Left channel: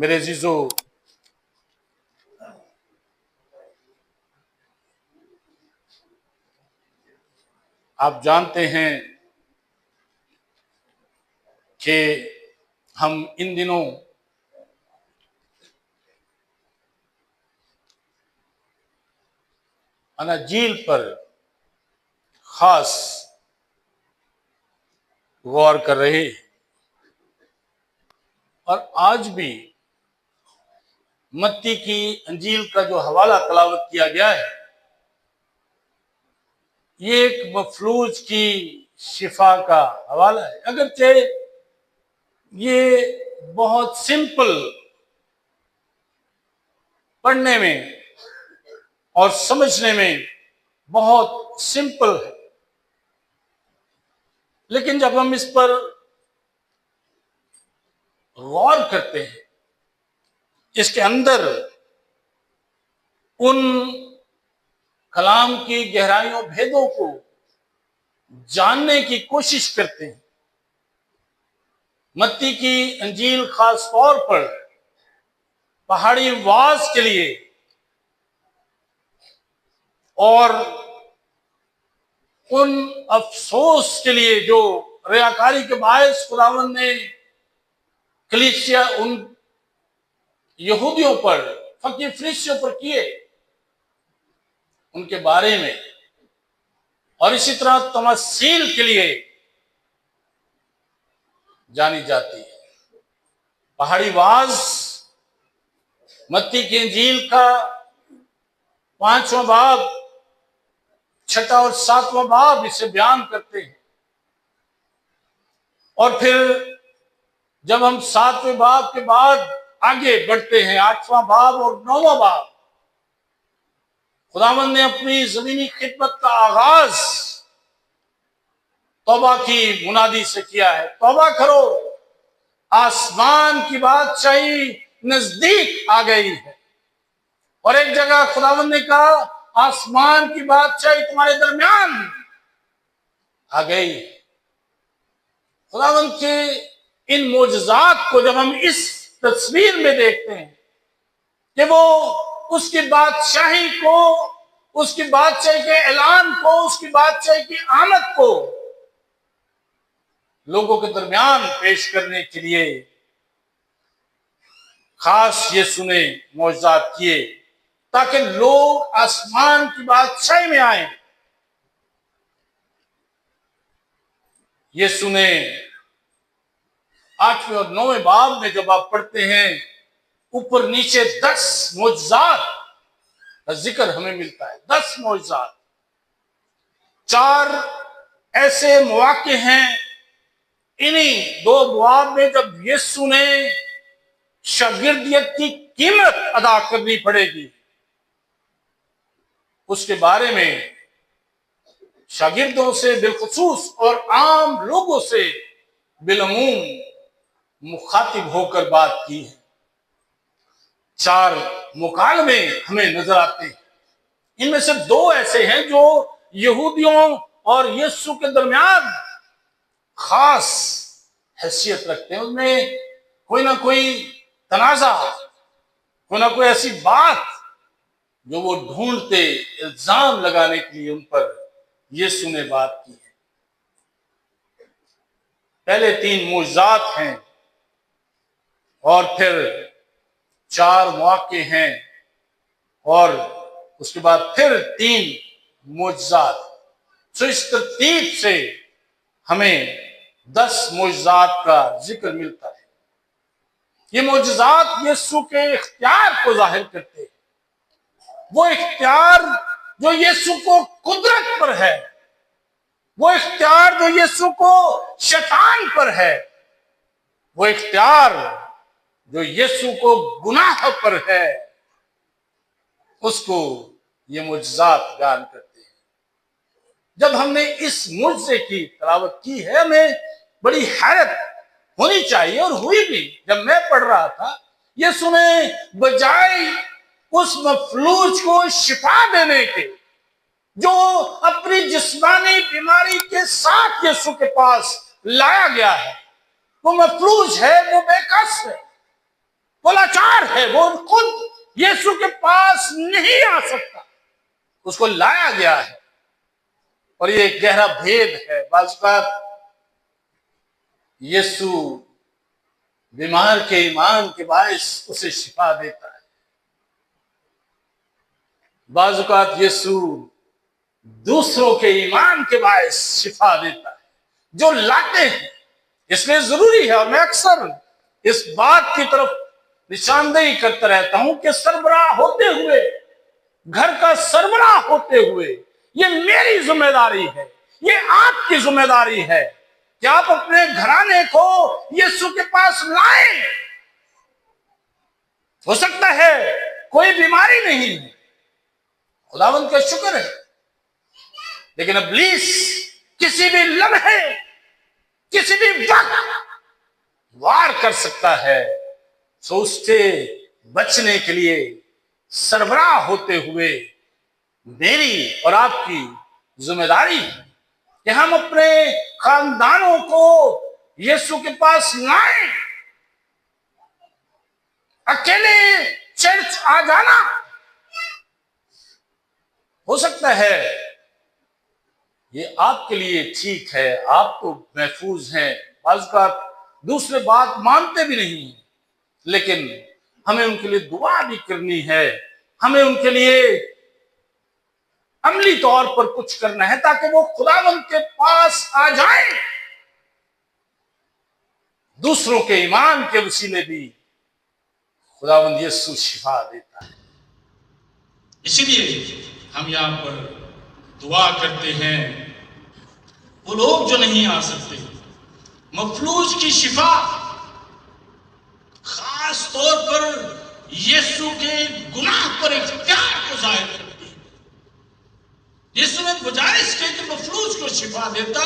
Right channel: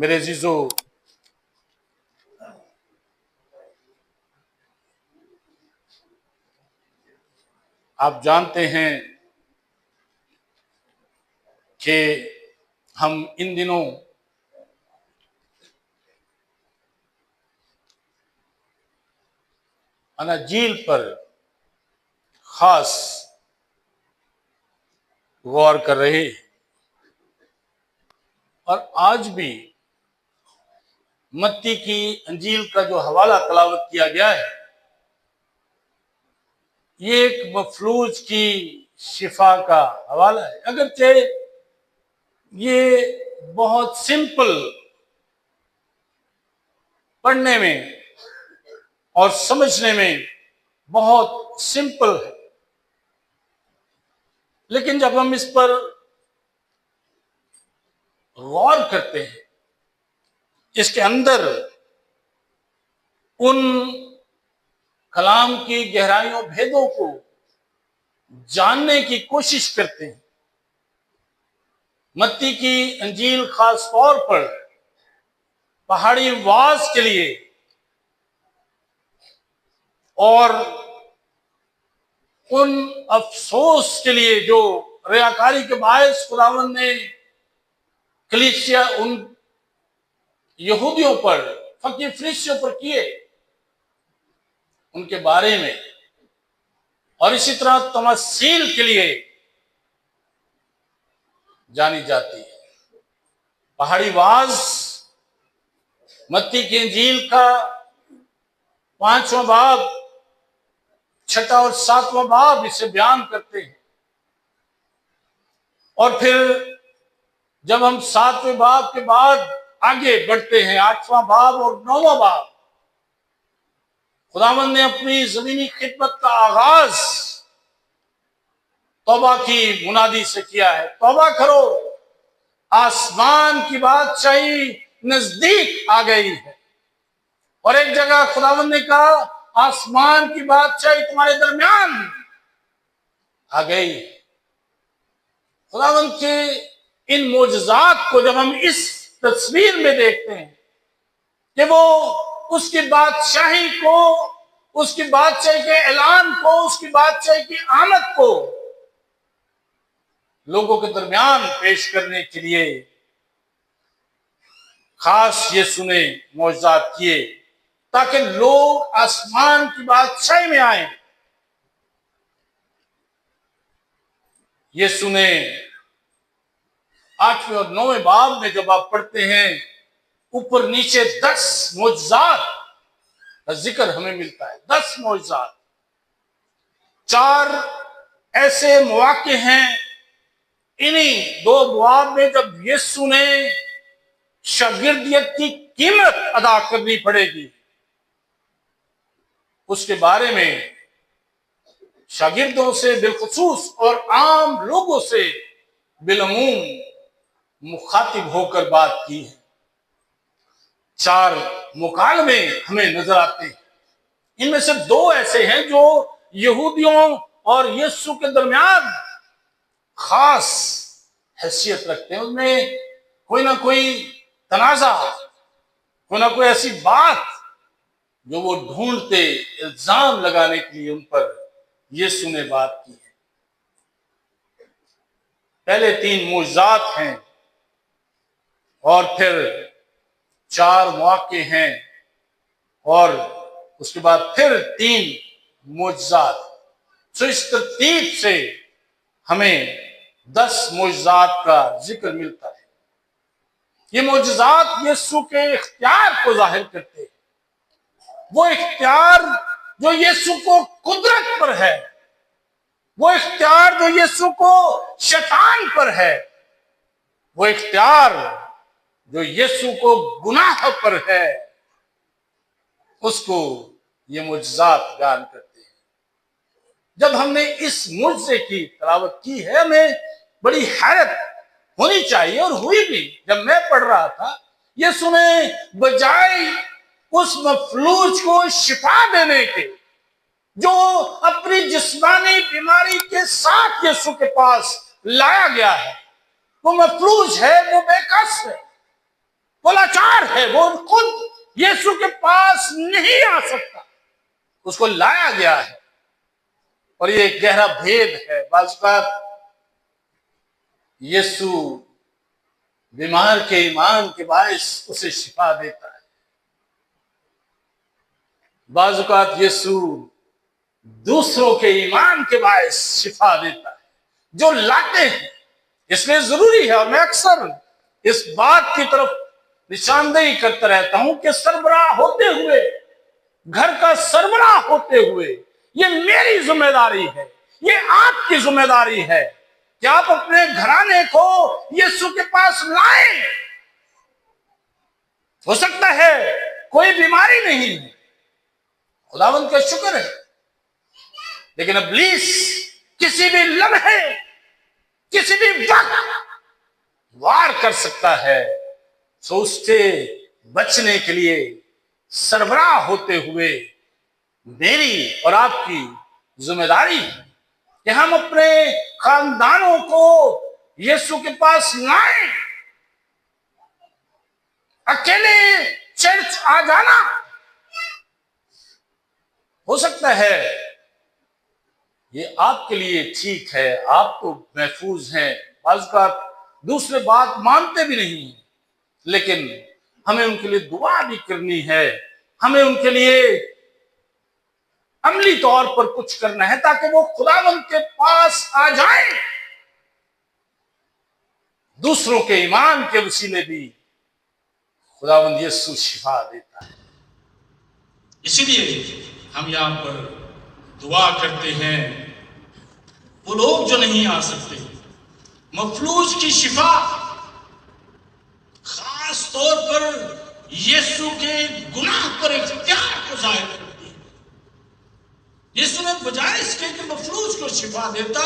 میرے عزیزو، آپ جانتے ہیں کہ ہم ان دنوں اناجیل پر خاص غور کر رہے ہیں، اور آج بھی متی کی انجیل کا جو حوالہ تلاوت کیا گیا ہے، یہ ایک مفلوج کی شفا کا حوالہ ہے۔ اگرچہ یہ بہت سمپل پڑھنے میں اور سمجھنے میں بہت سمپل ہے، لیکن جب ہم اس پر غور کرتے ہیں، اس کے اندر ان کلام کی گہرائیوں بھیدوں کو جاننے کی کوشش کرتے ہیں، متی کی انجیل خاص طور پر پہاڑی وعظ کے لیے اور ان افسوس کے لیے جو ریاکاری کے باعث خداوند نے کلیسیا ان یہودیوں پر، فقیر فریسیوں پر کیے، ان کے بارے میں، اور اسی طرح تمثیل کے لیے جانی جاتی ہے۔ پہاڑی وعظ متی کی انجیل کا 5واں باب، 6 اور 7واں باب اسے بیان کرتے ہیں، اور پھر جب ہم 7ویں باب کے بعد آگے بڑھتے ہیں، 8واں باب اور 9واں باب، خداوند نے اپنی زمینی خدمت کا آغاز توبہ کی منادی سے کیا ہے۔ توبہ کرو، آسمان کی بادشاہی نزدیک آ گئی ہے۔ اور ایک جگہ خداوند نے کہا، آسمان کی بادشاہی تمہارے درمیان آ گئی۔ خداوند کے ان معجزات کو جب ہم اس تصویر میں دیکھتے ہیں کہ وہ اس کی بادشاہی کو، اس کی بادشاہی کے اعلان کو، اس کی بادشاہی کی آمد کو لوگوں کے درمیان پیش کرنے کے لیے خاص یسوع نے معجزات کیے تاکہ لوگ آسمان کی بادشاہی میں آئیں۔ یسوع نے 8ویں اور 9ویں باب میں جب آپ پڑھتے ہیں، اوپر نیچے 10 معجزات کا ذکر ہمیں ملتا ہے۔ 10 معجزات، 4 ایسے مواقع ہیں انہی 2 ابواب میں جب یسوع نے شاگردیت کی قیمت ادا کرنی پڑے گی، اس کے بارے میں شاگردوں سے بالخصوص اور عام لوگوں سے بالعموم مخاطب ہو کر بات کی ہے۔ 4 مکالمے ہمیں نظر آتے ہیں، ان میں سے 2 ایسے ہیں جو یہودیوں اور یسوع کے درمیان خاص حیثیت رکھتے ہیں۔ ان میں کوئی نہ کوئی تنازع، کوئی نہ کوئی ایسی بات جو وہ ڈھونڈتے، الزام لگانے کے لیے ان پر یسوع نے بات کی ہے۔ پہلے 3 معجزات ہیں، اور پھر 4 مواقع ہیں، اور اس کے بعد پھر 3 معجزات۔ سو اس ترتیب سے ہمیں 10 معجزات کا ذکر ملتا ہے۔ یہ معجزات یسوع کے اختیار کو ظاہر کرتے ہیں، وہ اختیار جو یسوع کو قدرت پر ہے، وہ اختیار جو یسوع کو شیطان پر ہے، وہ اختیار جو یسوع کو گناہ پر ہے، اس کو یہ معجزات بیان کرتے ہیں۔ جب ہم نے اس معجزے کی تلاوت کی ہے، ہمیں بڑی حیرت ہونی چاہیے، اور ہوئی بھی۔ جب میں پڑھ رہا تھا، یسوع نے بجائے اس مفلوج کو شفا دینے کے، جو اپنی جسمانی بیماری کے ساتھ یسوع کے پاس لایا گیا ہے، وہ مفلوج ہے، وہ بے کس ہے، وہ لاچار ہے، وہ خود یسوع کے پاس نہیں آ سکتا، اس کو لایا گیا ہے۔ اور یہ ایک گہرا بھید ہے۔ بعض اوقات یسوع بیمار کے ایمان کے باعث اسے شفا دیتا ہے، بعض اوقات یسوع دوسروں کے ایمان کے باعث شفا دیتا ہے جو لاتے ہیں۔ اس لیے ضروری ہے، اور میں اکثر اس بات کی طرف نشاندہی کرتا رہتا ہوں کہ سربراہ ہوتے ہوئے، گھر کا سربراہ ہوتے ہوئے، یہ میری ذمہ داری ہے، یہ آپ کی ذمہ داری ہے کہ آپ اپنے گھرانے کو یسوع کے پاس لائیں۔ ہو سکتا ہے کوئی بیماری نہیں ہے، خداوند کا شکر ہے، لیکن ابلیس کسی بھی لمحے، کسی بھی وقت وار کر سکتا ہے۔ سو اس سے بچنے کے لیے سربراہ ہوتے ہوئے میری اور آپ کی ذمہ داری ہے کہ ہم اپنے خاندانوں کو یسوع کے پاس لائیں۔ اکیلے چرچ آ جانا ہو سکتا ہے یہ آپ کے لیے ٹھیک ہے، آپ تو محفوظ ہیں، بعض اوقات دوسرے بات مانتے بھی نہیں ہیں، لیکن ہمیں ان کے لیے دعا بھی کرنی ہے، ہمیں ان کے لیے عملی طور پر کچھ کرنا ہے تاکہ وہ خداوند کے پاس آ جائیں۔ دوسروں کے ایمان کے وسیلے بھی خداوند یسوع شفا دیتا ہے۔ اسی لیے ہم یہاں پر دعا کرتے ہیں وہ لوگ جو نہیں آ سکتے، مفلوج کی شفا، خاص طور پر یسوع کے گناہ پر اختیار کو ظاہر کرتی ہے۔ یسوع نے بجائے اس کے کہ مفلوج کو شفا دیتا،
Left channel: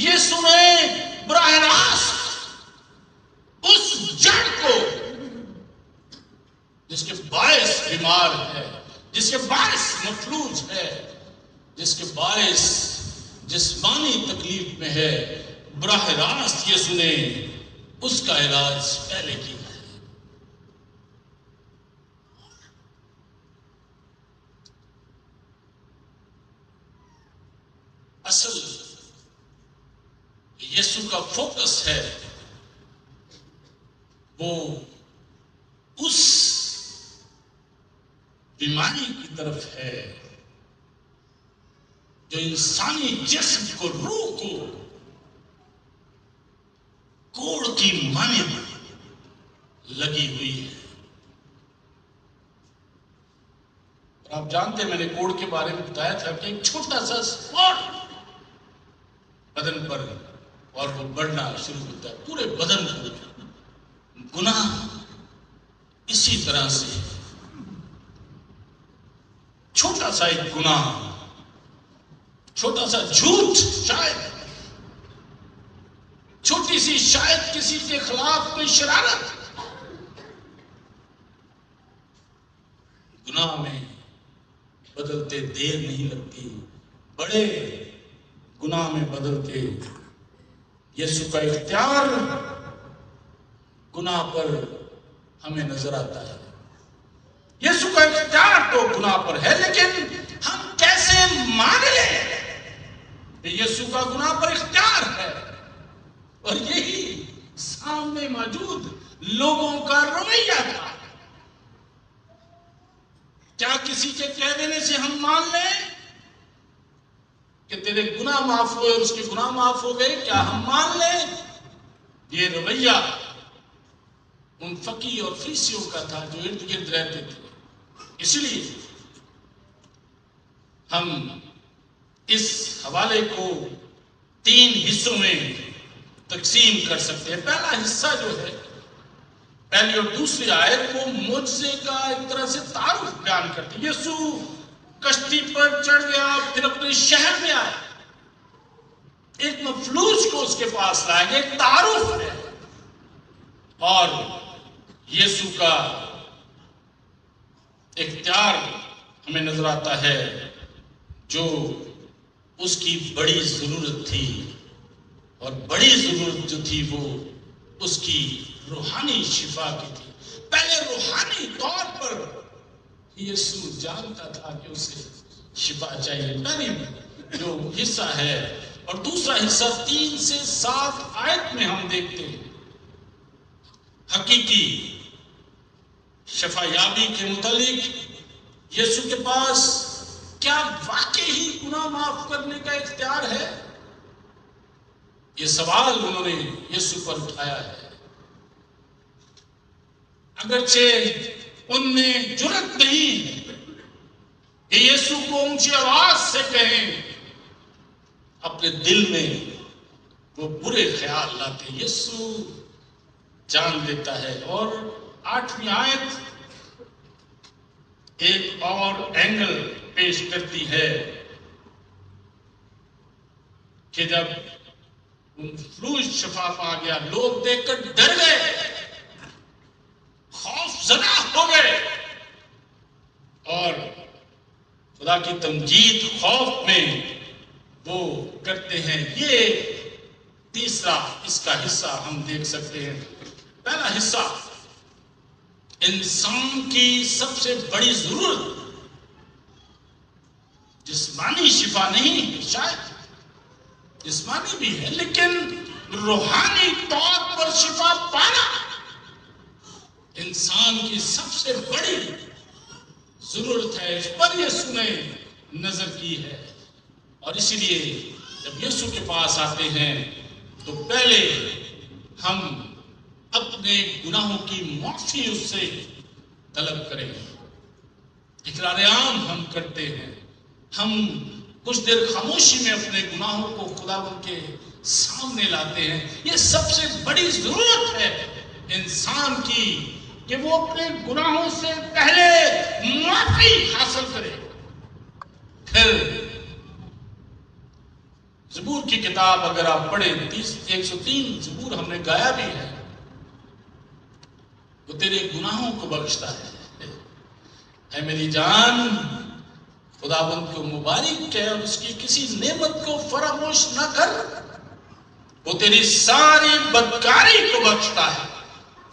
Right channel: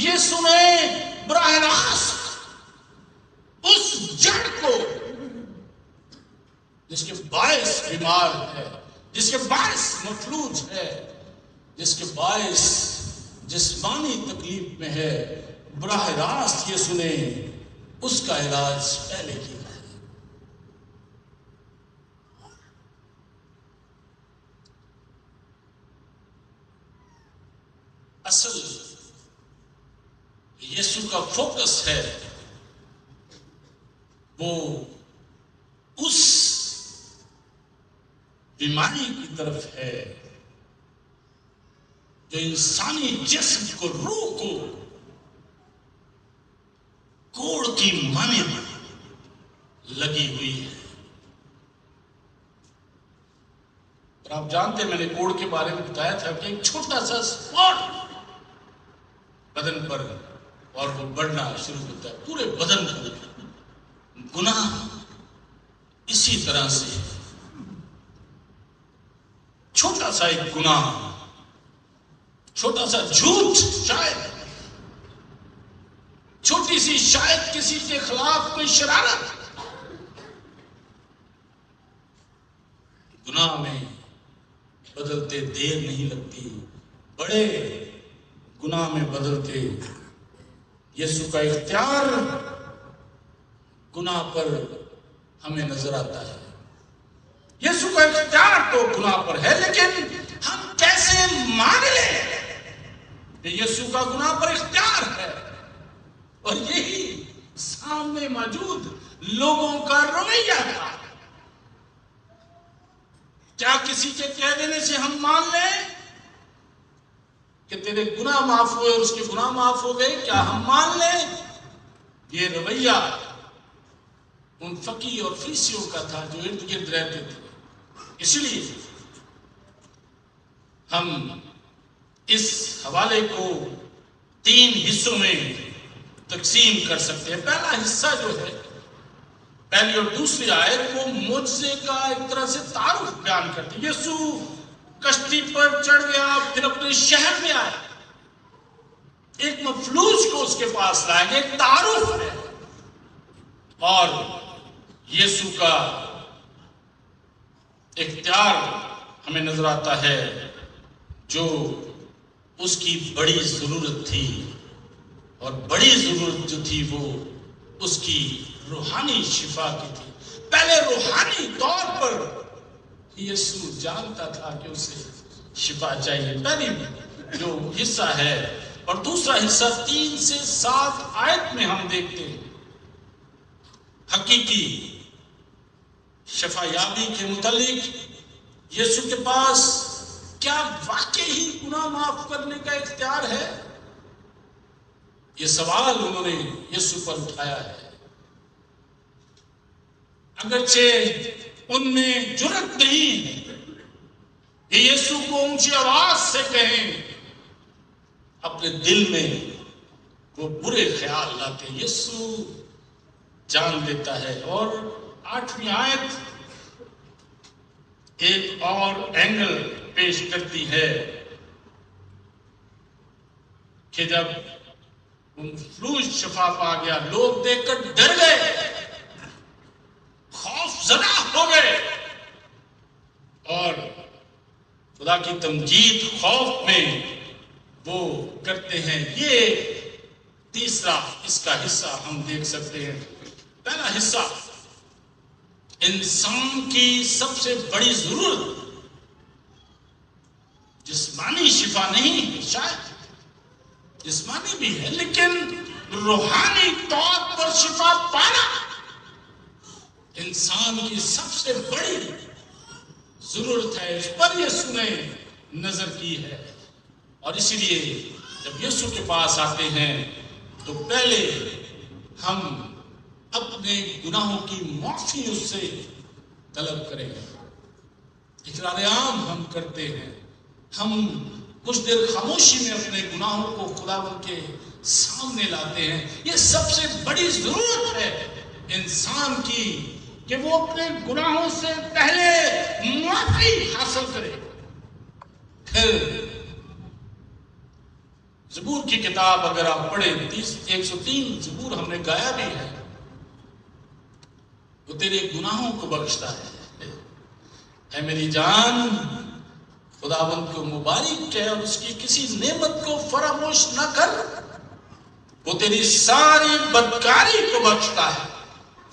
یسوع نے براہ راست اس جڑ کو جس کے باعث بیمار ہے، جس کے باعث مفلوج ہے، جس کے باعث جسمانی تکلیف میں ہے، براہ راست یسوع نے اس کا علاج پہلے کیا ہے۔ اصل یسوع کا فوکس ہے وہ اس بیماری کی طرف ہے جو انسانی جسم کو، روح کو کوڑ کی مانند لگی ہوئی ہے۔ اور آپ جانتے ہیں، میں نے کوڑ کے بارے میں بتایا تھا کہ ایک چھوٹا سا اسپاٹ بدن پر اور وہ بڑھنا شروع ہوتا ہے، پورے بدن کو۔ گناہ اسی طرح سے چھوٹا سا ایک گناہ، چھوٹا سا جھوٹ، شاید چھوٹی سی شاید کسی کے خلاف کوئی شرارت، گناہ میں بدلتے دیر نہیں لگتی، بڑے گناہ میں بدلتے۔ یسوع کا اختیار گناہ پر ہمیں نظر آتا ہے۔ یسوع کا اختیار تو گناہ پر ہے، لیکن ہم کیسے مان لیں کہ یسوع کا گناہ پر اختیار ہے؟ اور یہی سامنے موجود لوگوں کا رویہ تھا۔ کیا کسی کے کہہ دینے سے ہم مان لیں کہ تیرے گناہ معاف ہوئے اور اس کے گناہ معاف ہو گئے؟ کیا ہم مان لیں؟ یہ رویہ ان فقی اور فریسیوں کا تھا جو ارد گرد رہتے تھے۔ اسی لیے ہم اس حوالے کو 3 حصوں میں تقسیم کر سکتے ہیں۔ پہلا حصہ جو ہے، پہلی اور دوسری آیت، وہ معجزے کا ایک طرح سے تعارف بیان کرتی ہے۔ یسوع کشتی پر چڑھ گیا، پھر اپنے شہر میں آیا، ایک مفلوج کو اس کے پاس لایا گیا، ایک تعارف ہے۔ اور یسوع کا اختیار ہمیں نظر آتا ہے جو اس کی بڑی ضرورت تھی، اور بڑی ضرورت جو تھی وہ اس کی روحانی شفا کی تھی۔ پہلے روحانی طور پر یسوع جانتا تھا کہ اسے شفا چاہیے، پہلی جو حصہ ہے، اور دوسرا حصہ 3 سے 7 آیت میں ہم دیکھتے ہیں حقیقی شفا یابی کے متعلق یسوع کے پاس کیا واقعی ہی گناہ معاف کرنے کا اختیار ہے؟ یہ سوال انہوں نے یسوع پر اٹھایا ہے، اگرچہ ان میں جرأت نہیں ہے کہ یسوع کو اونچی آواز سے کہیں، اپنے دل میں وہ برے خیال لاتے یسوع جان لیتا ہے۔ اور 8ویں آیت ایک اور اینگل پیش کرتی ہے کہ جب فلوج شفا پا گیا، لوگ دیکھ کر ڈر گئے، خوف زدہ ہو گئے، اور خدا کی تمجید خوف میں وہ کرتے ہیں۔ یہ تیسرا اس کا حصہ ہم دیکھ سکتے ہیں۔ پہلا حصہ انسان کی سب سے بڑی ضرورت جسمانی شفا نہیں، شاید جسمانی بھی ہے لیکن روحانی طور پر شفا پانا انسان کی سب سے بڑی ضرورت ہے۔ اس پر یسوع نے نظر کی ہے، اور اسی لیے جب یسوع کے پاس آتے ہیں تو پہلے ہم اپنے گناہوں کی معافی اس سے طلب کریں، اقرار عام ہم کرتے ہیں، ہم کچھ دیر خاموشی میں اپنے گناہوں کو خداوند کے سامنے لاتے ہیں۔ یہ سب سے بڑی ضرورت ہے انسان کی کہ وہ اپنے گناہوں سے پہلے معافی حاصل کرے۔ پھر زبور کی کتاب اگر آپ پڑھیں 103 زبور ہم نے گایا بھی ہے، وہ تیرے گناہوں کو بخشتا ہے۔ اے میری جان، خداوند کو مبارک کہے اور اس کی کسی نعمت کو فراموش نہ کر، وہ تیری ساری بدکاری کو بخشتا ہے،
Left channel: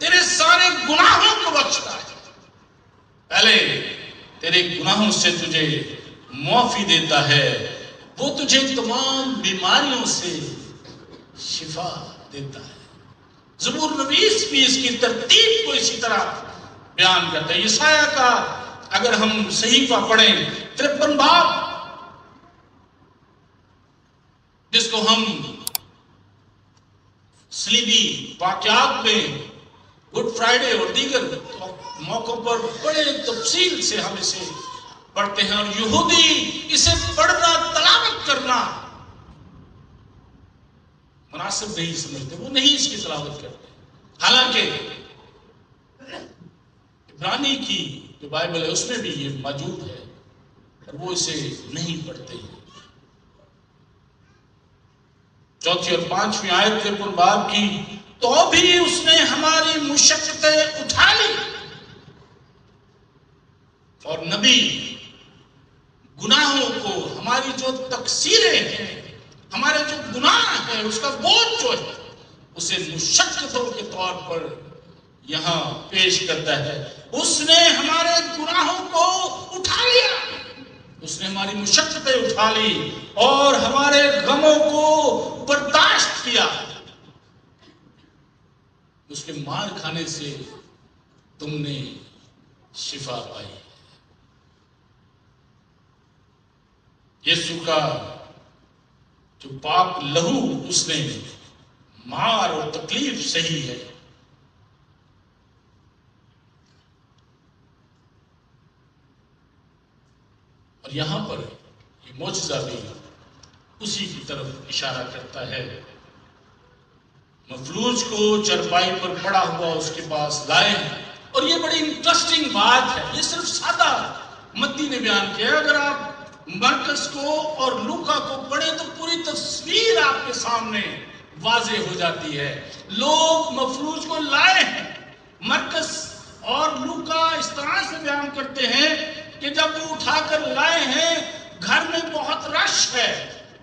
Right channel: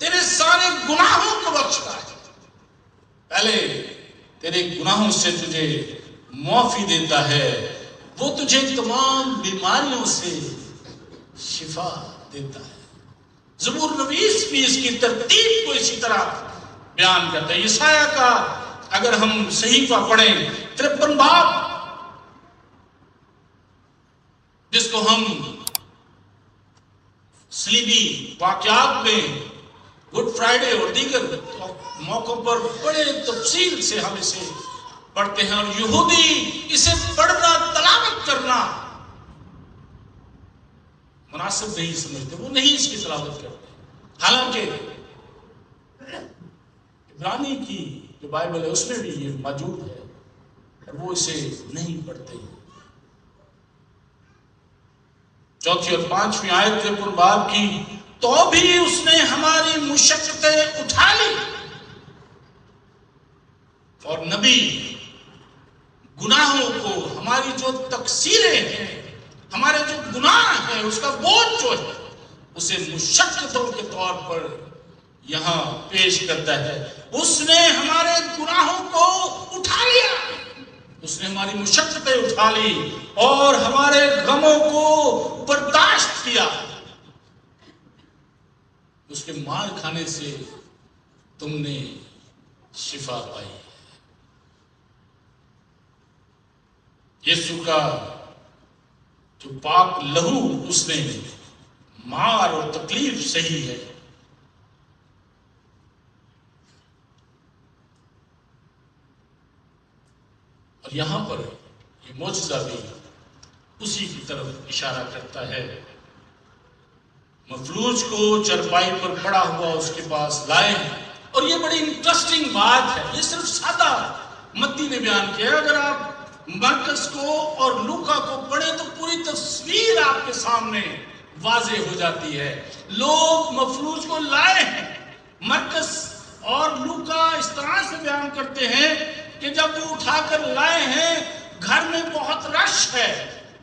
تیرے سارے گناہوں کو بخشتا ہے۔ پہلے تیرے گناہوں سے تجھے معافی دیتا ہے، وہ تجھے تمام بیماریوں سے شفا دیتا ہے۔ زبور نویس بھی اس کی ترتیب کو اسی طرح بیان کرتے ہیں۔ یسایہ کا اگر ہم صحیفہ پڑھیں 53 باب، جس کو ہم صلیبی واقعات میں گڈ فرائیڈے اور دیگر موقعوں پر بڑے تفصیل سے ہم اسے پڑھتے ہیں، اور یہودی اسے پڑھنا تلاوت کرنا مناسب نہیں سمجھتے، وہ نہیں اس کی تلاوت کرتے، حالانکہ عبرانی کی جو بائبل ہے اس میں بھی یہ موجود ہے، اور وہ اسے نہیں پڑھتے۔ 4 اور 5 آیت کے باب کی، تو بھی اس نے ہماری مشقتیں اٹھا لی، اور نبی گناہوں کو، ہماری جو تقصیریں ہیں، ہمارے جو گناہ ہیں، اس کا بوجھ جو ہے اسے مشقتوں کے طور پر یہاں پیش کرتا ہے۔ اس نے ہمارے گناہوں کو اٹھا لیا، اس نے ہماری مشقتیں اٹھا لی اور ہمارے غموں کو برداشت کیا۔ اس کے مار کھانے سے تم نے شفا پائی۔ یسوع کا جو پاک لہو اس نے مار اور تکلیف سہی ہے، اور یہاں پر یہ معجزہ بھی اسی کی طرف اشارہ کرتا ہے۔ مفلوج کو چرپائی پر پڑا ہوا اس کے پاس لائے، اور یہ بڑی انٹرسٹنگ بات ہے، یہ صرف سادہ متی نے بیان کیا ہے۔ اگر آپ مرکز کو اور لوکا کو پڑھیں تو پوری تصویر آپ کے سامنے واضح ہو جاتی ہے۔ لوگ مفلوج کو لائے ہیں، مرکز اور لوکا اس طرح سے بیان کرتے ہیں کہ جب وہ اٹھا کر لائے ہیں، گھر میں بہت رش ہے،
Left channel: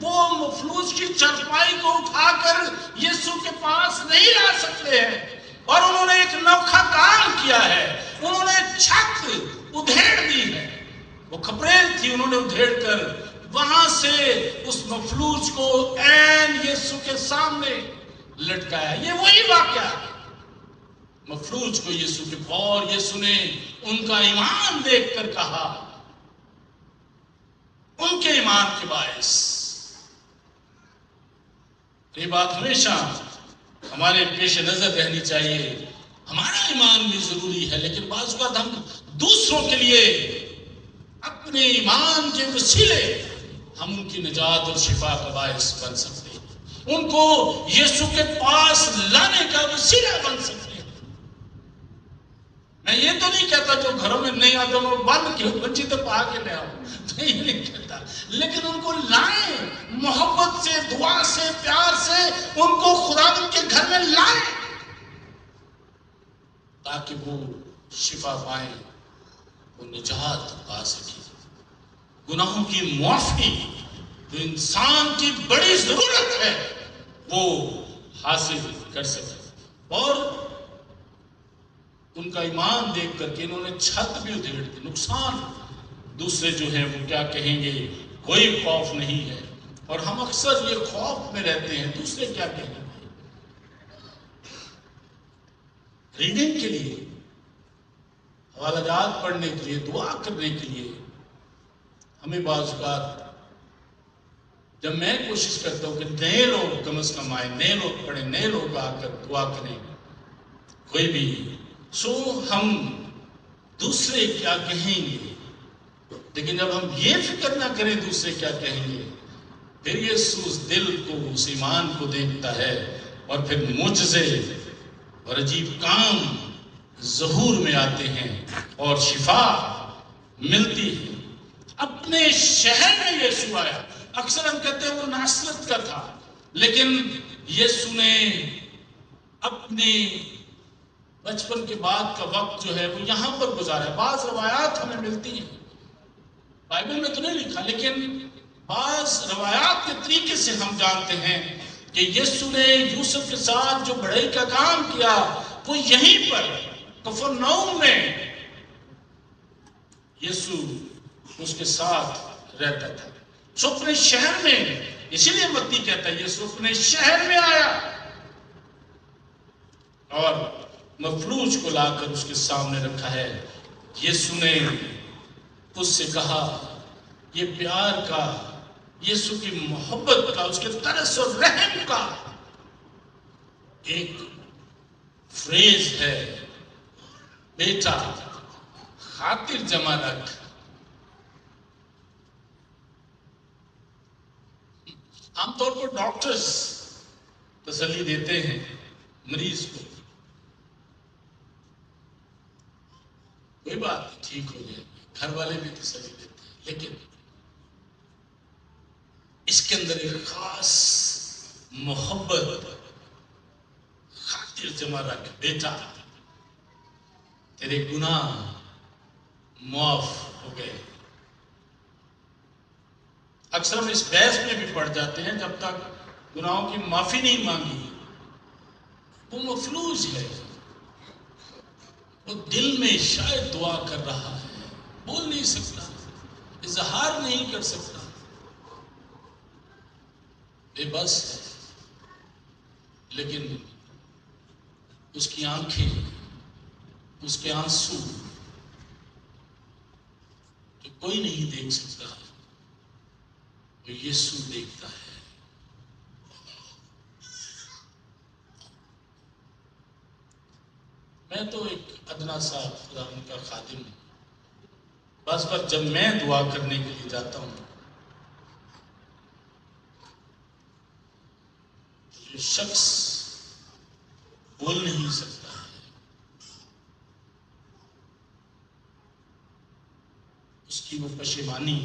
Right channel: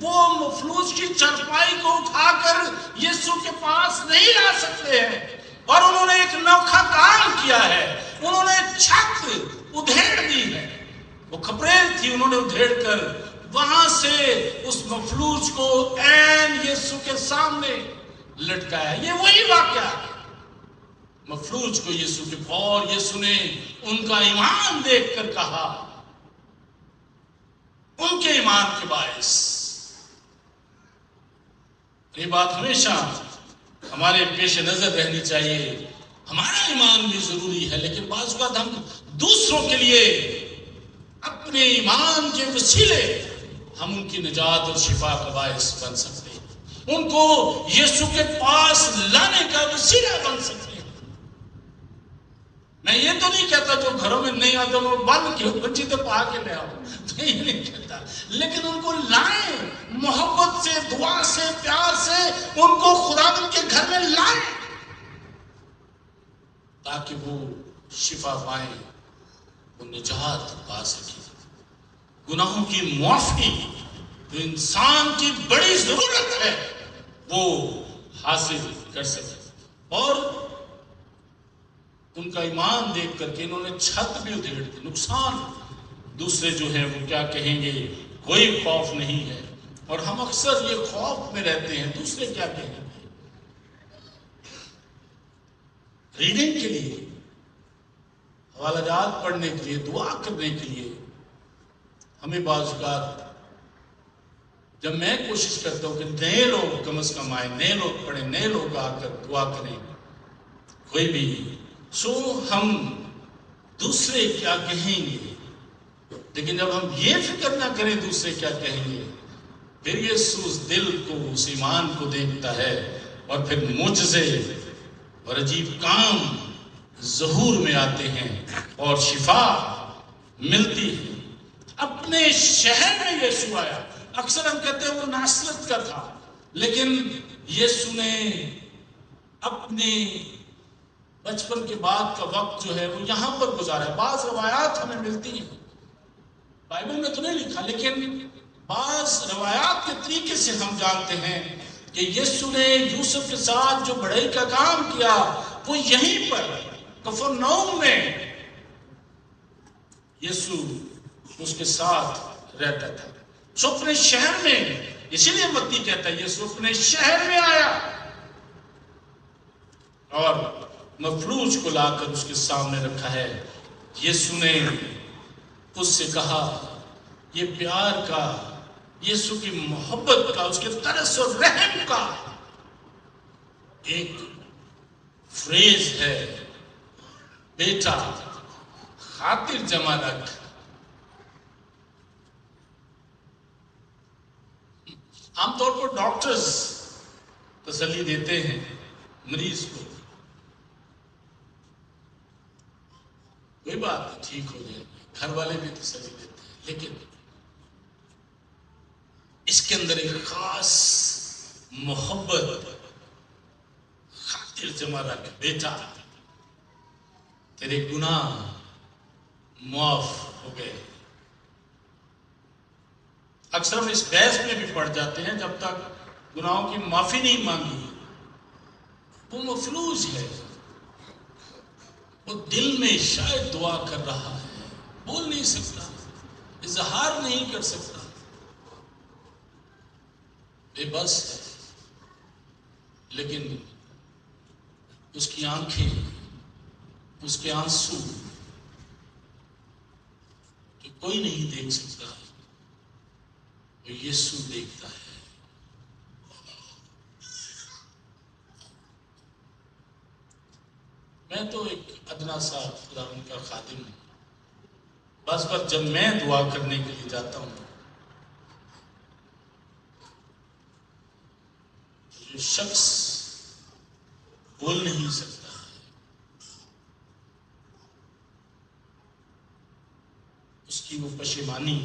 وہ مفلوج کی چرپائی کو اٹھا کر یسوع کے پاس نہیں لا سکتے ہیں، اور انہوں نے ایک انوکھا کام کیا ہے، انہوں نے چھت ادھیڑ دی ہے، وہ کھپریل تھی، انہوں نے ادھیڑ کر وہاں سے اس مفلوج کو عین یسوع کے سامنے لٹکایا۔ یہ وہی واقعہ ہے، مفلوج کو یسوع کے، اور یسوع نے ان کا ایمان دیکھ کر کہا، ان کے ایمان کے باعث۔ یہ بات ہمیشہ ہمارے پیش نظر رہنی چاہیے، ہمارا ایمان بھی ضروری ہے، لیکن بعض اوقات ہم دوسروں کے لیے اپنے ایمان کے وسیلے ہم ان کی نجات اور شفا کا باعث بن سکتے ہیں، ان کو یسوع کے پاس لانے کا وسیلہ بن سکتے ہیں۔ میں یہ تو نہیں کہتا جو گھروں میں نہیں آتا وہ بند کیوں بچی تو پا کے گیا ہوں، میں یہ نہیں کہتا، لیکن ان کو لائیں، محبت سے، دعا سے، پیار سے ان کو خداوند کے گھر میں لائیں تاکہ وہ شفا پائیں، وہ نجات پا سکیں، گناہوں کی معافی جو انسان کی بڑی ضرورت ہے وہ حاصل کر سکیں۔ اور ان کا ایمان دیکھ کر کے انہوں نے چھت بھی ادھیڑ دی۔ نقصان دوسرے جو ہیں وہ کیا کہیں گے، کوئی خوف نہیں ہے، اور ہم اکثر یہ خوف میں رہتے ہیں دوسرے کیا کہیں گے۔ ریڈنگ کے لیے، حوالہ جات پڑھنے کے لیے، دعا کرنے کے لیے ہمیں بعض اوقات جب میں کوشش کرتا ہوں کہ نئے لوگ کم از کم آئیں، نئے لوگ پڑھیں، نئے لوگ آ کر دعا کریں، کوئی بھی سو ہم دوسرے کیا کہیں گے، لیکن جب ہم یہ فکر نہ کریں دوسرے کیا کہیں گے، پھر یسوع اس دل کو، اس ایمان کو دیکھتا ہے، اور پھر معجزے اور عجیب کام ظہور میں آتے ہیں اور شفا ملتی ہے۔ اپنے شہر میں یسوع آیا، اکثر ہم کہتے ہیں وہ ناصرت کا تھا، لیکن یسوع نے اپنے بچپن کے بعد کا وقت جو ہے وہ یہاں پر گزارا ہے۔ بعض روایات ہمیں ملتی ہیں، بائبل میں تو نہیں لکھا، لیکن بعض روایات کے طریقے سے ہم جانتے ہیں کہ یسوع نے یوسف کے ساتھ جو بڑائی کا کام کیا وہ یہیں پر کفرنہوم میں یسوع اس کے ساتھ رہتا تھا، سو اپنے شہر میں، اسی لیے متی کہتا ہے یسوع اپنے شہر میں آیا اور مفلوج کو لا کر اس کے سامنے رکھا ہے۔ یسوع نے اس سے کہا، یہ پیار کا، یسوع کی محبت کا، اس کے ترس اور رحم کا ایک فریز ہے، بیٹا خاطر جمع رکھ۔ عام طور پر ڈاکٹرز تسلی دیتے ہیں مریض کو، کوئی بات نہیں، ٹھیک ہو جائے، گھر والے بھی تسلی دیتے ہیں، لیکن اس کے اندر ایک خاص محبت، خاطر جمع رکھ، بیٹا تیرے گناہ معاف ہو گئے۔ اکثر ہم اس بحث میں بھی پڑ جاتے ہیں، جب تک گناہوں کی معافی نہیں مانگی وہ مفلوج ہے، وہ دل میں شاید دعا کر رہا ہے، بول نہیں سکتا، اظہار نہیں کر سکتا، بے بس ہے، لیکن اس کی آنکھیں، اس کے آنسو جو کوئی نہیں دیکھ سکتا ہے، وہ یسوع دیکھتا ہے۔ میں تو ایک ادنا سا خدا ان کا خادم ہوں، بس جب میں دعا کرنے کے لیے جاتا ہوں، جو شخص بول نہیں سکتا، اس کی وہ پشیمانی،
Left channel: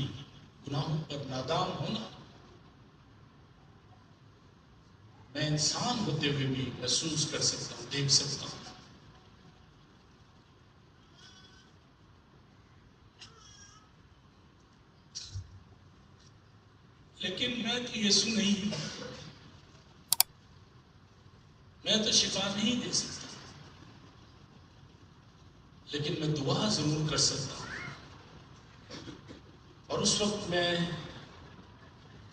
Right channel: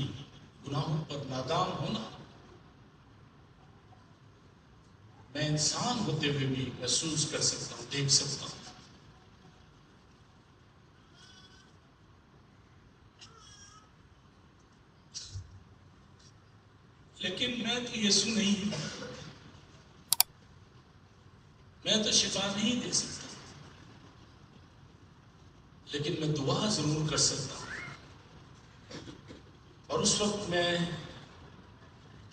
گناہوں پر نادام ہونا، میں انسان ہوتے ہوئے بھی محسوس کر سکتا ہوں، دیکھ سکتا ہوں۔ لیکن میں تو یسوع نہیں ہوں، میں تو شفا نہیں دے سکتا، لیکن میں دعا ضرور کر سکتا ہوں. اور اس وقت میں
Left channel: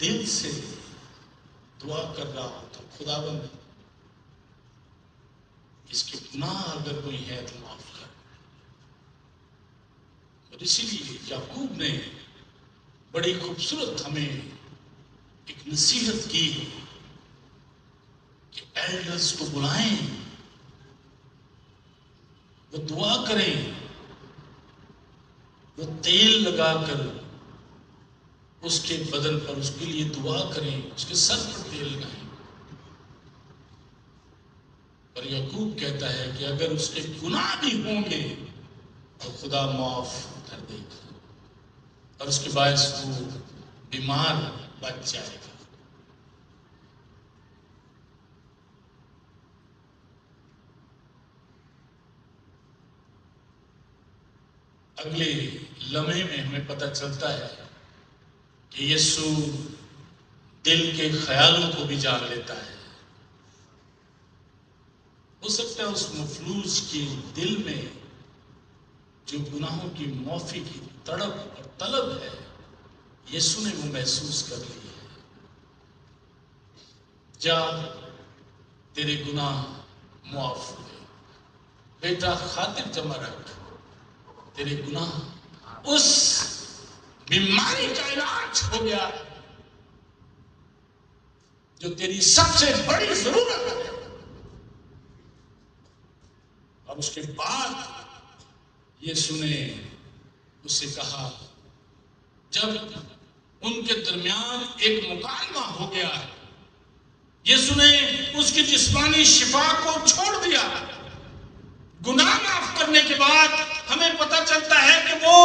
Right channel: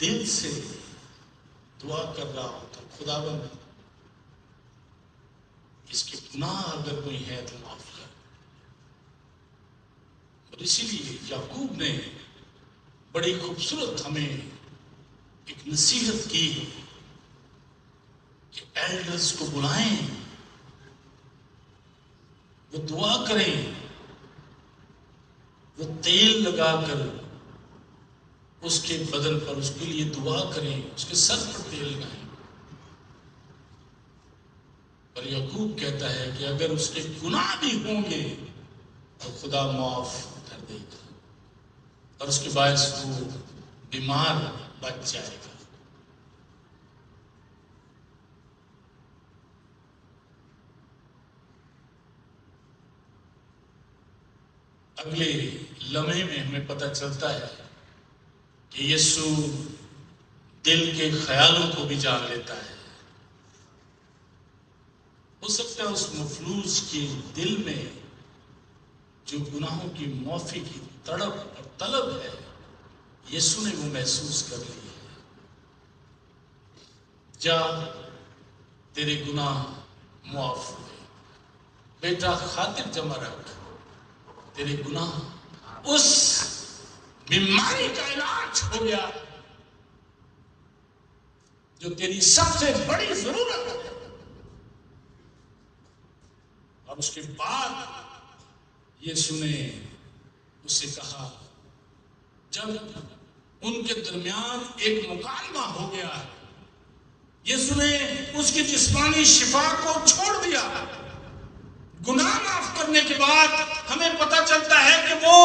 دل سے دعا کر رہا ہوں کہ خداوند اس کے گناہ اگر کوئی ہے تو معاف کر. اور اسی لیے یعقوب نے بڑی خوبصورت ہمیں ایک نصیحت کی کہ ایلڈرز کو بلائیں، وہ دعا کریں، وہ تیل لگا کر اس کے بدن پر اس کے لیے دعا کریں، اس کے سر پر تیل لگائیں. پر یعقوب کہتا ہے کہ اگر اس کے گناہ بھی ہوں گے تو خدا معاف کر دے گا اور اس کے باعث وہ بیمار بچ جائے گا. اگلے لمحے میں ہمیں پتہ چلتا ہے کہ یسوع دل کے خیالوں کو بھی جان لیتا ہے. ہو سکتا ہے اس مفلوج کے دل میں جو گناہوں کی معافی کی تڑپ اور طلب ہے یسوع نے وہ محسوس کر لی ہے. جا تیرے گناہ معاف ہوئے، بیٹا خاطر جمع رکھ، تیرے گناہ، اس بیماری کا علاج ہو گیا جو تیری سب سے بڑی ضرورت ہے. اور اس کے بعد یسوع نے اس سے کہا، جب ان کے درمیان ایک مکالمہ ہو گیا، یسوع نے اس کی جسمانی شفا کو چھوڑ دیا. گناہ معاف کرنے کے بعد ہمیں پتہ چلتا ہے کہ وہ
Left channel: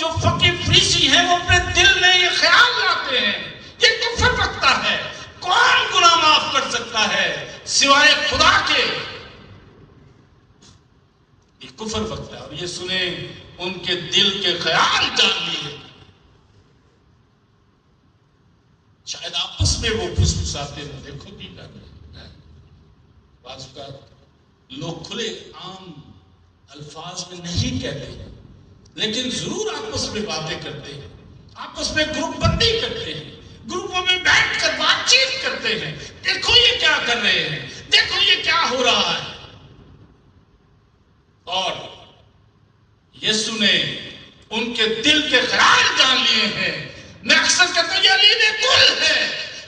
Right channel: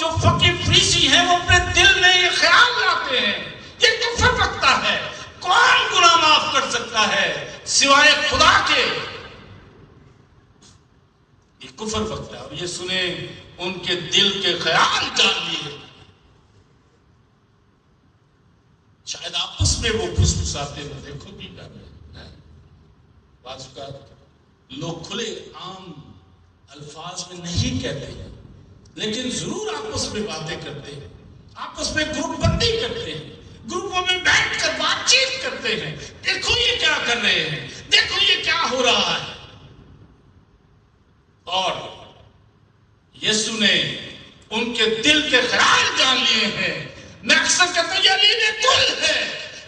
جو فقیر فریسی ہیں وہ اپنے دل میں یہ خیال لاتے ہیں، یہ کفر رکھتا ہے. کون گناہ معاف کر سکتا ہے سوائے خدا کے؟ یہ کفر رکھتا ہے. اور یہ سنے ان کے دل کے خیال جان لیے. شاید آپس میں وہ پھسپھساتے ہیں، دیکھو بھی کرنے بعض کا لوگ کھلے عام الفاظ میں نہیں کہتے لیکن ضرور آپس میں باتیں کرتے ہیں، آپس میں گروپ بندی کرتے ہیں، گروپوں میں بیٹھ کر بات چیت کرتے ہیں. دیکھو یہ کیا کر رہے ہیں، دیکھو یہ کیا ہو رہا ہے. اور یسوع نے ان کے دل کے خیال جان لیے ہیں. میں اکثر کہتا ہوں یہ علیم کل ہے،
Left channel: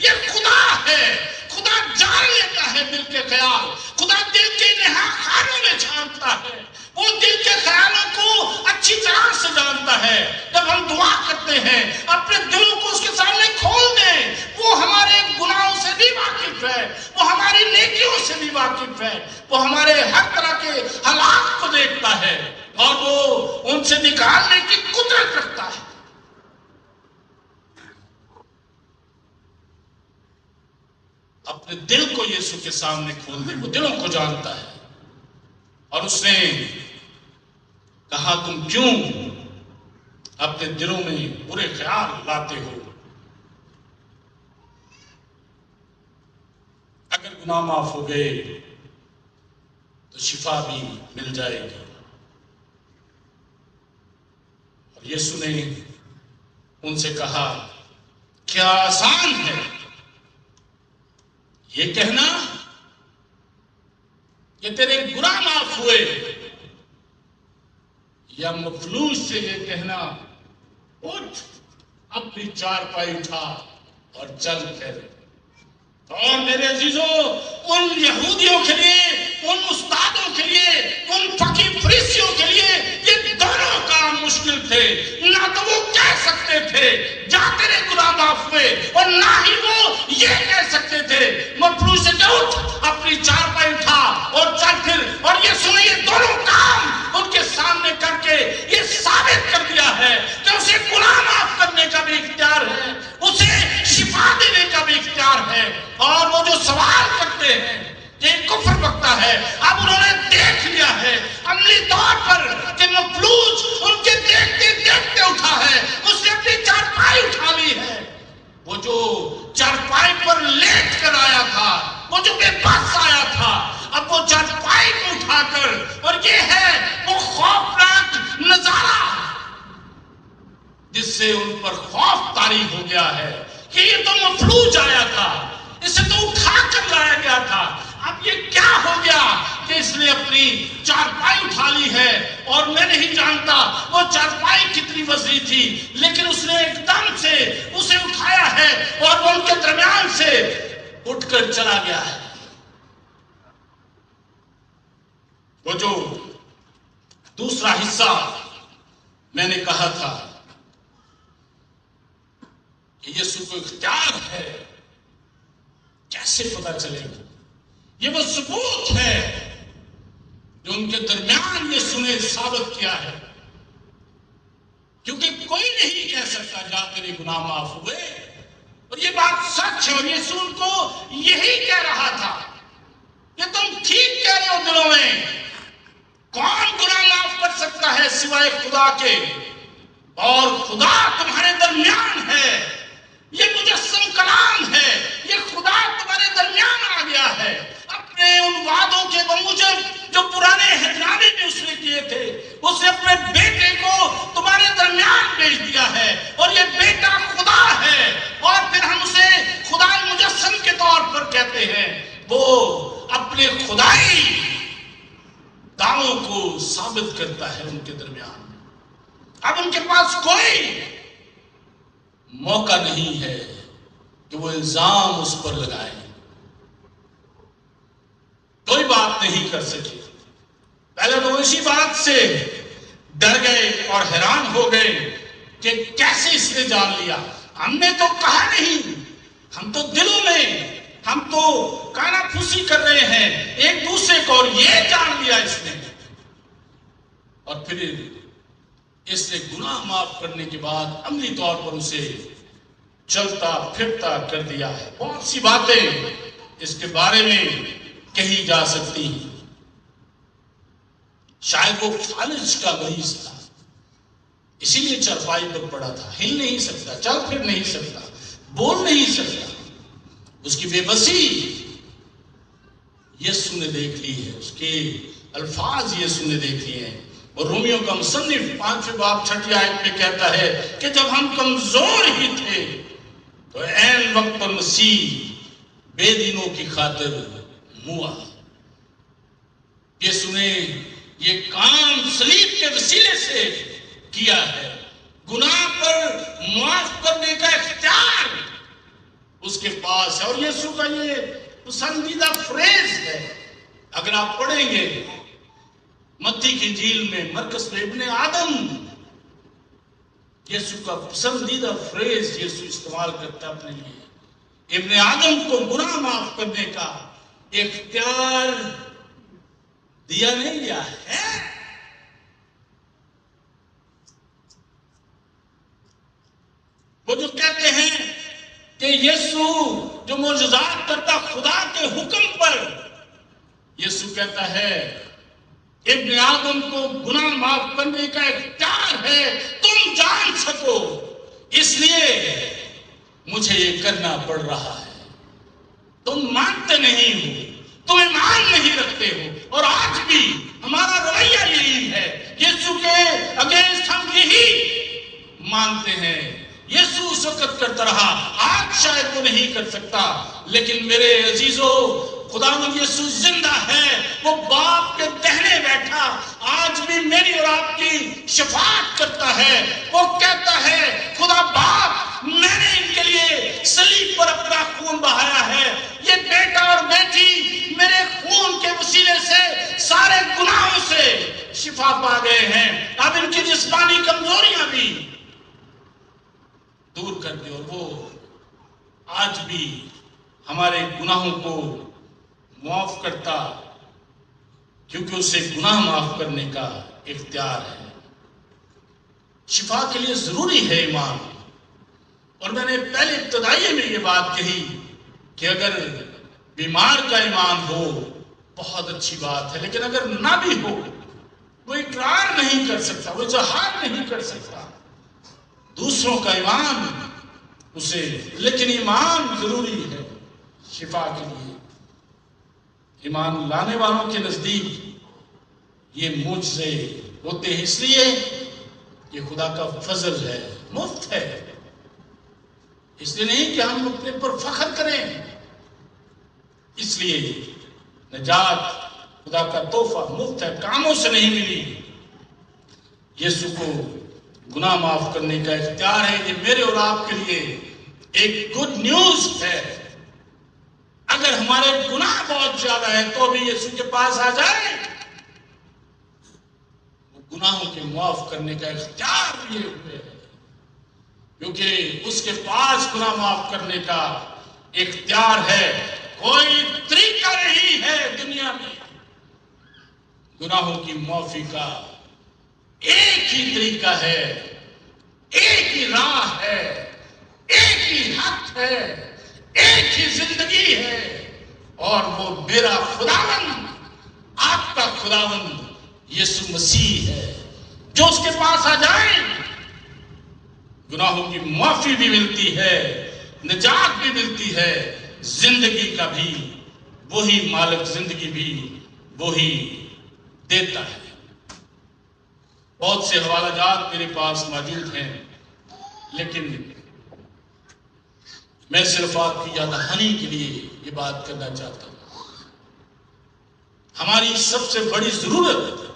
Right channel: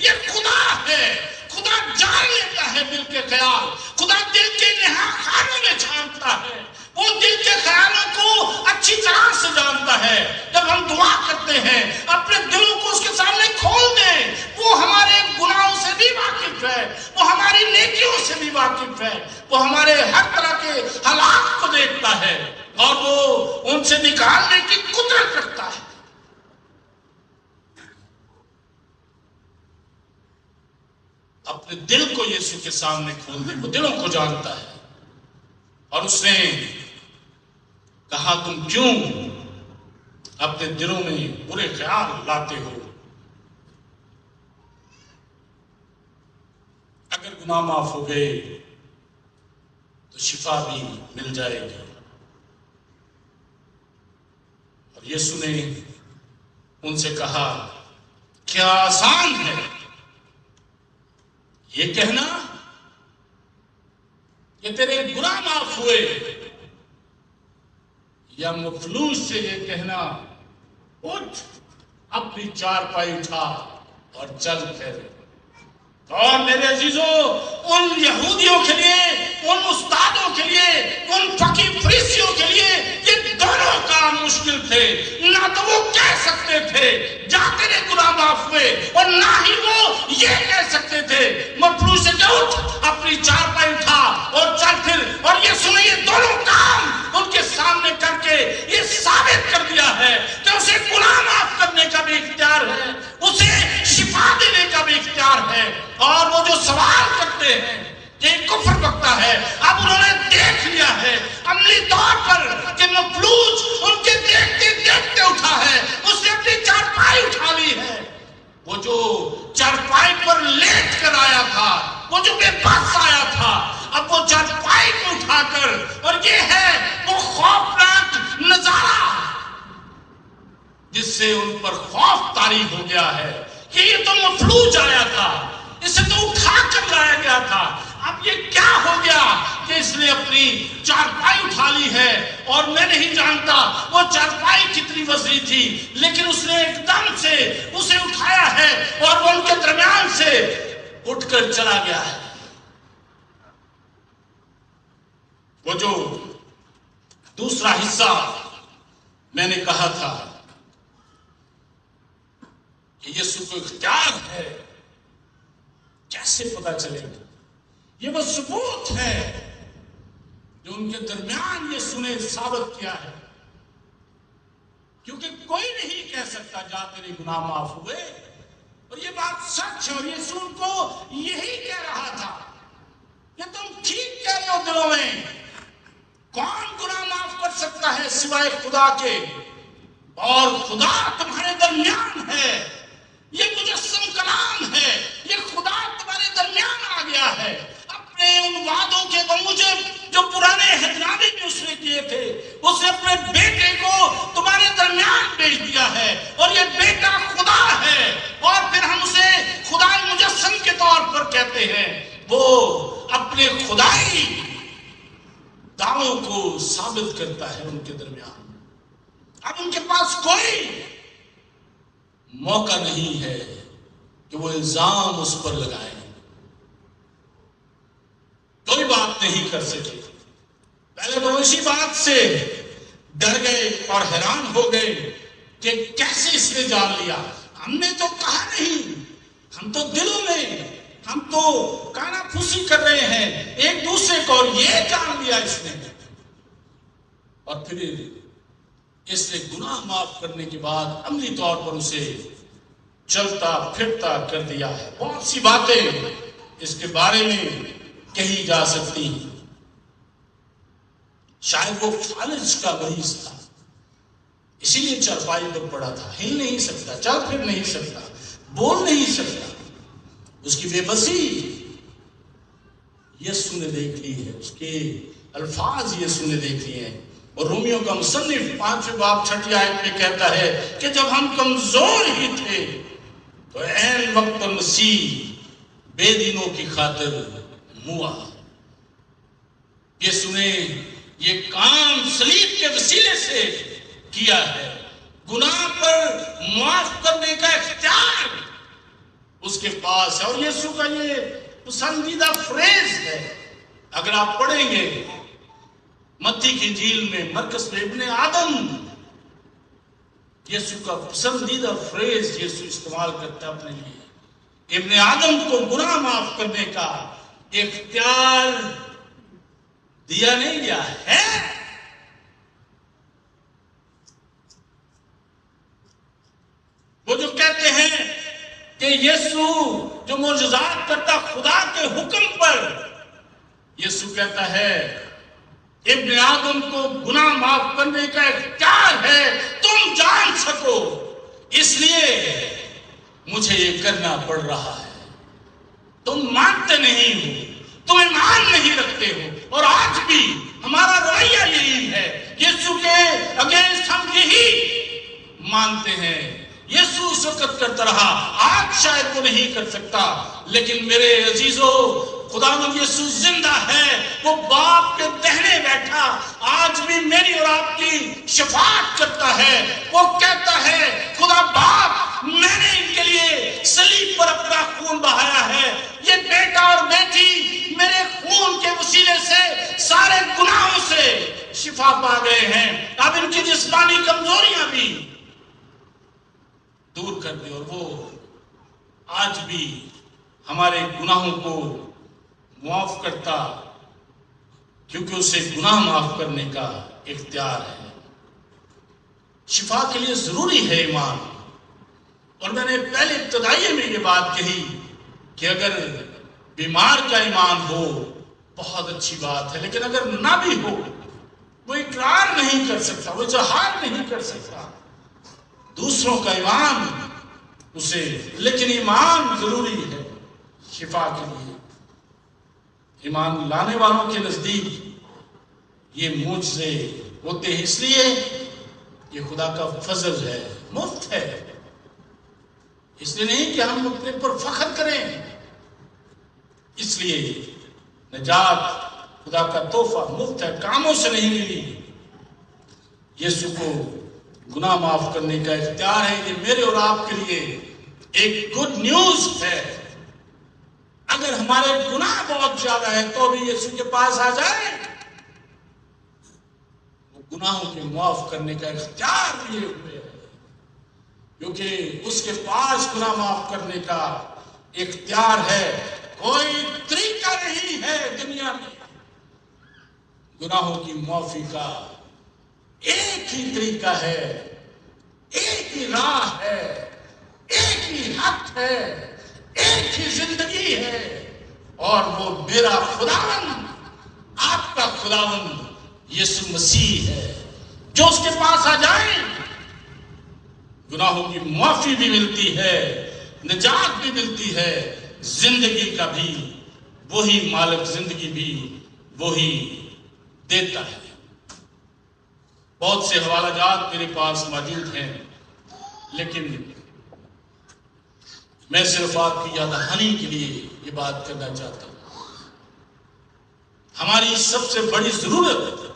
یہ خدا ہے. خدا جان لیتا ہے دل کے خیال. خدا دل کے نہا خانوں میں جانتا ہے، وہ دل کے خیالوں کو اچھی طرح سے جانتا ہے. جب ہم دعا کرتے ہیں اپنے دلوں کو اس کے سامنے کھول دیں، وہ ہمارے گناہوں سے بھی واقف ہے، وہ ہماری نیکیوں سے بھی واقف ہے، وہ ہمارے ہر طرح کے حالات کو دیکھتا ہے اور وہ ان سے نکالنے کی قدرت رکھتا ہے. اپنے دل کو یسوع کے سامنے کھول دے، وہ دلوں کو جانتا ہے. اور اس نے کہا تم کیوں اپنے دلوں میں برے خیال لاتے ہو؟ اگر گناہ معاف ہو گئے تو شفا بھی مل جائے گی. اور یسوع نے ان سے کہا کیا آسان ہے یہ کہنا کہ تیرے گناہ معاف ہوئے، یا مفلوج سے یہ کہنا اٹھ اپنی چارپائی اٹھا اور چل پھر. اور میرے عزیزوں، ان یہودیوں کے لیے، ان استادوں کے لیے، ان فقیر فریسیوں کے لیے یہ دونوں کام مشکل تھے. نہ تو وہ کہہ سکتے تھے جا تیرے گناہ معاف ہوئے، اور نہ ہی وہ یہ کہہ سکتے تھے مفلوج سے کہ اٹھ اپنی چارپائی اٹھا اور چل پھر. اور یہ سنیں، یہ دونوں کام ان کے سامنے کر کے یہ ثابت کر دیا ہے کہ اسے گناہ معاف کرنے کا بھی اختیار ہے، اسے شفا دینے کا بھی اختیار ہے. اور وہ جو سوال کرتے ہیں کہ کفر بکتا ہے، اب انہوں نے دیکھ لیا ہے عملی طور پر کہ مفلوج ان کے دیکھتے دیکھتے اٹھا ہے، اس نے اپنی چارپائی اٹھا لی ہے. وہ جو چارپائی پر لیٹ کر آیا تھا، وہ جو بے بس آیا تھا، اب وہ چارپائی کو اٹھا کر، اور یہ ہے وہ خوفناک نظارہ جس سے ان پر خوف طاری ہو گیا ہے کہ یہ تو مفلوج آیا تھا، اسے تو اٹھا کر لایا گیا تھا، اب یہ کیا ہو گیا کہ اس نے اپنی چارپائی اٹھا لی ہے؟ اور میں نہیں جانتا وہ چارپائی کتنی وزنی تھی، لیکن اس نے ایک دم سے اسے اٹھایا ہے اور وہ ان کے درمیان سے اٹھ کر چلا گیا ہے۔ وہ جو دوسرا حصہ میں نے کہا تھا کہ یسوع کو اختیار ہے، کیسے پتا چلے گا؟ یہ وہ ثبوت ہے جو ان کے درمیان یسوع نے ثابت کیا ہے، کیونکہ کوئی نہیں کہہ سکتا جا تیرے گناہ معاف ہوئے، اور یہ بات سچ ہے، اور یسوع ان کو یہی کہہ رہا تھا کہ تم ٹھیک کہہ رہے ہو دلوں میں، کون گناہ معاف کر سکتا ہے سوائے خدا کے، اور خدا تمہارے درمیان ہے، یہ مجسم کلام ہے، یہ خدا تمہارے درمیان آ گیا ہے، اپنے ان وعدوں کے بموجب جو پرانے عہد میں اس نے کیے تھے، اس نے اپنے بیٹے کو تمہارے درمیان بھیج دیا ہے، اور یہ بیٹا خدا ہے، اور پھر ہم اسے خدائی مجسم کے طور پر کہتے ہیں۔ وہ اپنے خدائی دعووں کو ثابت کرتا ہے ان کے درمیان۔ اب ان کے پاس کوئی موقع نہیں ہے کہ وہ الزام اس پر لگائیں، کوئی بات نہیں کر سکے۔ پہلے تو اسی بات سے ڈر گئے اور حیران ہو گئے کہ کیسے اس نے جان لیا، ہم نے تو کہا نہیں، ہم تو دلوں میں ہم تو کانا پھوسی کر رہے ہیں ایک دوسرے کو، اور یہ جان لیا اس نے۔ اور پھر اس نے گناہ معاف کرنے کے بعد عملی طور پر اسے چلتا پھرتا کر دیا ہے۔ بہت سی باتیں اس کے بارے میں کہی جا سکتی ہیں۔ شاید وہ فالج کا مریض تھا، اسی لیے چارپائی پر پڑا تھا، ہل نہیں سکتا، چل پھر نہیں سکتا، بول نہیں سکتا۔ اس کی بے بسی یسوع نے دیکھ لی ہے، اس کے الفاظ یسوع نے دیکھ لیے ہیں۔ اور رومیوں کا مصنف 5 باب 6 آیت میں کہتا ہے کہ جب ہم کمزور ہی تھے تو عین وقت پر مسیح بے دینوں کی خاطر ہوا۔ یسوع نے یہ کام صلیب کے وسیلے سے کیا ہے۔ گناہ پر معاف کرنے کا اختیار اس کے پاس ہے، اور یسوع کا یہ پسندیدہ فریز ہے۔ اگر آپ پڑھیں گے متی کی انجیل میں مرکز میں ابن آدم، یسوع کا پسندیدہ فریز یسوع استعمال کرتا ہے اپنے لیے۔ ابن آدم کو گناہ معاف کرنے کا اختیار دیا نہیں گیا ہے۔ وہ جو کہتے ہیں کہ یسوع جو معجزات کرتا خدا کے حکم پر، یسوع کہتا ہے ابن آدم کو گناہ معاف کرنے کا اختیار ہے، تم جان سکو، اس لیے مجھے یہ کرنا پڑ رہا ہے۔ تم مانتے نہیں ہو، تم ایمان نہیں رکھتے ہو، اور آج بھی ہمارا رویہ یہی ہے، یسوع کے اگینسٹ ہم یہی مانتے ہیں۔ یسوع اس وقت کرتا رہا، آج شاید وہ نہیں کر سکتا، لیکن میرے عزیزو خداوند یسوع زندہ ہے، وہ باپ کے دہنے بیٹھا آج بھی میری اور آپ کی شفاعت کرتا ہے۔ وہ کہتا ہے خدا باپ میں نے ان کے لیے صلیب پر اپنا خون بہایا ہے، یہ بیٹا اور بیٹی میرے خون کے وسیلے سے سارے گناہوں سے شفا پا گئے ہیں، اب ان کی جسمانی کمزوریاں بھی دور کر دے، اور وہ آج بھی ہمارے گناہوں کو معاف کرتا، کیونکہ اسے گناہ معاف کرنے کا اختیار ہے۔ شفا کے لیے ضروری ہے ایمان، اور میں نے پہلے ابتدائیے میں یہ بات کہی کہ اگر بیمار کا ایمان ہو بہت اچھی بات ہے، لیکن اگر نہ بھی ہو، وہ اقرار نہیں کر سکتا، وہ اظہار نہیں کر سکتا دوسروں کا ایمان اسے، لیکن ایمان ضروری ہے شفا کے لیے۔ ایمان لانے والوں کے نزدیک یہ معجزے ہوتے ہیں اس لیے یہ خدا کا فضل ہے، مفت ہے، اس لیے نہیں کہ ہم اپنے پر فخر کریں، اس لیے نجات خدا کا تحفہ مفت ہے، کاموں سے نہیں ملی۔ یسوع کو گناہ معاف کرنے کا اختیار ہے، یہ میرے اور آپ کے لیے ایک گڈ نیوز ہے۔ اگر ہمارے گناہ بہت زیادہ ہے تو بھی یسوع کے پاس آ جائیں، وہ گناہوں کے معاف کرنے کا اختیار لیے ہوئے ہے، کیونکہ اس کے پاس گناہ معاف کرنے کا اختیار ہے۔ کوئی طریقہ نہیں ہے دنیا میں گناہوں کی معافی کا، ایک ہی طریقہ ہے، ایک ہی راہ ہے، ایک ہی حق ہے، ایک ہی زندگی ہے، اور وہ میرا خداوند، آپ کا خداوند یسوع مسیح ہے۔ جو اس کے پاس آ جائیں گناہوں کی معافی بھی ملتی ہے، نجات بھی ملتی ہے، زندگی کا بھی وہی مالک، زندگی بھی وہی دیتا ہے۔ بہت سے حوالہ جات میرے پاس موجود ہیں، لیکن میں صرف آپ کی یاد دہانی کے لیے یہ بات کرنا چاہتا ہوں۔ ہماری سب سے بڑی ضرورت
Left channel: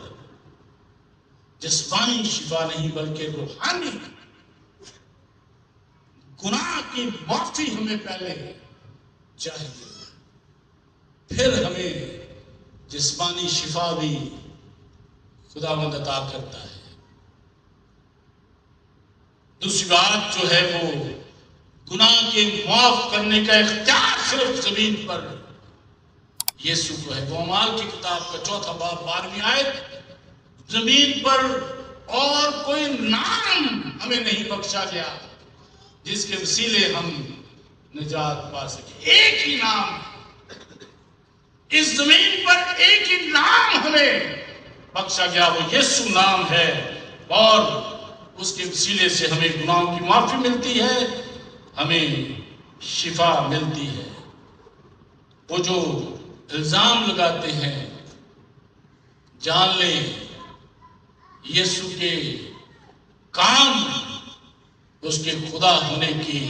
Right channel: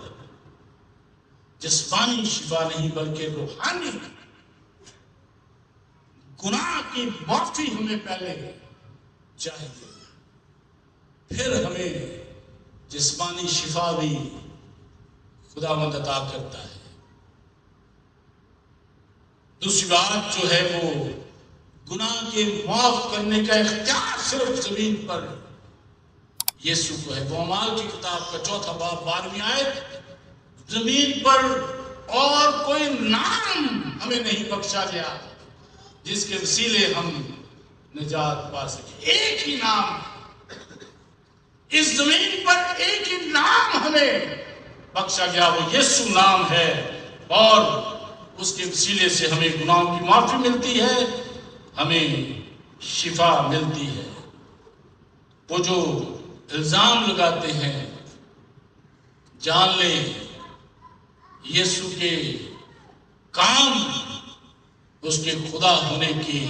جسمانی شفا نہیں بلکہ روحانی۔ گناہ کی معافی ہمیں پہلے چاہیے، پھر ہمیں جسمانی شفا بھی خداوند عطا کرتا ہے۔ دوسری بات جو ہے وہ گناہ کے معاف کرنے کا اختیار صرف زمین پر یسوع کو ہے۔ وہ اعمال کی کتاب کا 4 باب 12ویں آیت، زمین پر اور کوئی نام ہمیں نہیں بخشا گیا جس کے وسیلے ہم نجات پا سکیں۔ ایک ہی نام، اس زمین پر ایک ہی نام ہمیں بخشا گیا، وہ یسوع نام ہے، اور اس کے وسیلے سے ہمیں گناہوں کی معافی ملتی ہے، ہمیں شفا ملتی ہے۔ وہ جو الزام لگاتے ہیں، جان لیں یسوع کے کام اس کے خدا ہونے کی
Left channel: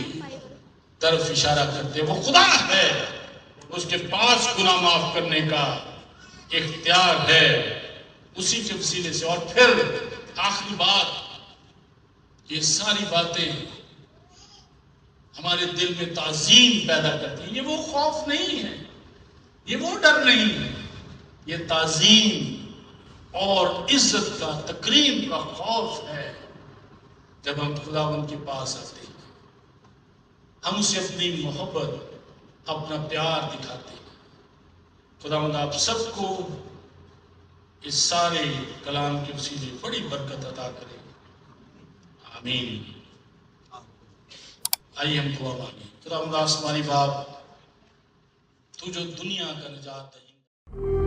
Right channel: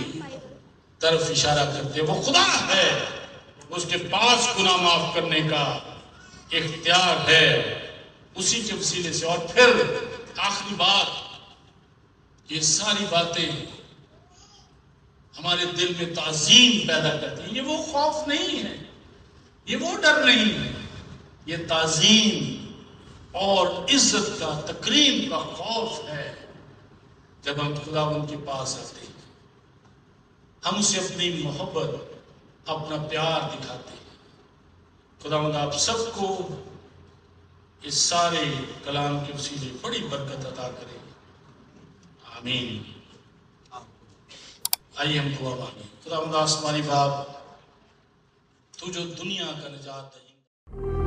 طرف اشارہ کرتے ہیں۔ وہ خدا ہے، اس کے پاس گناہ معاف کرنے کا اختیار ہے، اسی کے وسیلے سے۔ اور پھر آخری بات، یہ ساری باتیں ہمارے دل میں تعظیم پیدا کرتی ہیں۔ یہ وہ خوف نہیں ہے، یہ وہ ڈر نہیں ہے، یہ تعظیم اور عزت کا، تکریم کا خوف ہے۔ جب ہم خداوند کے پاس آتے ہیں، ہم اسے اپنی محبت، اپنا پیار دکھاتے ہیں۔ خداوند آپ سب کو اس سارے کلام کے وسیلے بڑی برکت عطا کرے، آمین۔ آئیے ہم دعا مانگیں۔ خداوند آسمانی باپ، تو جو دنیا کا نجات دہندہ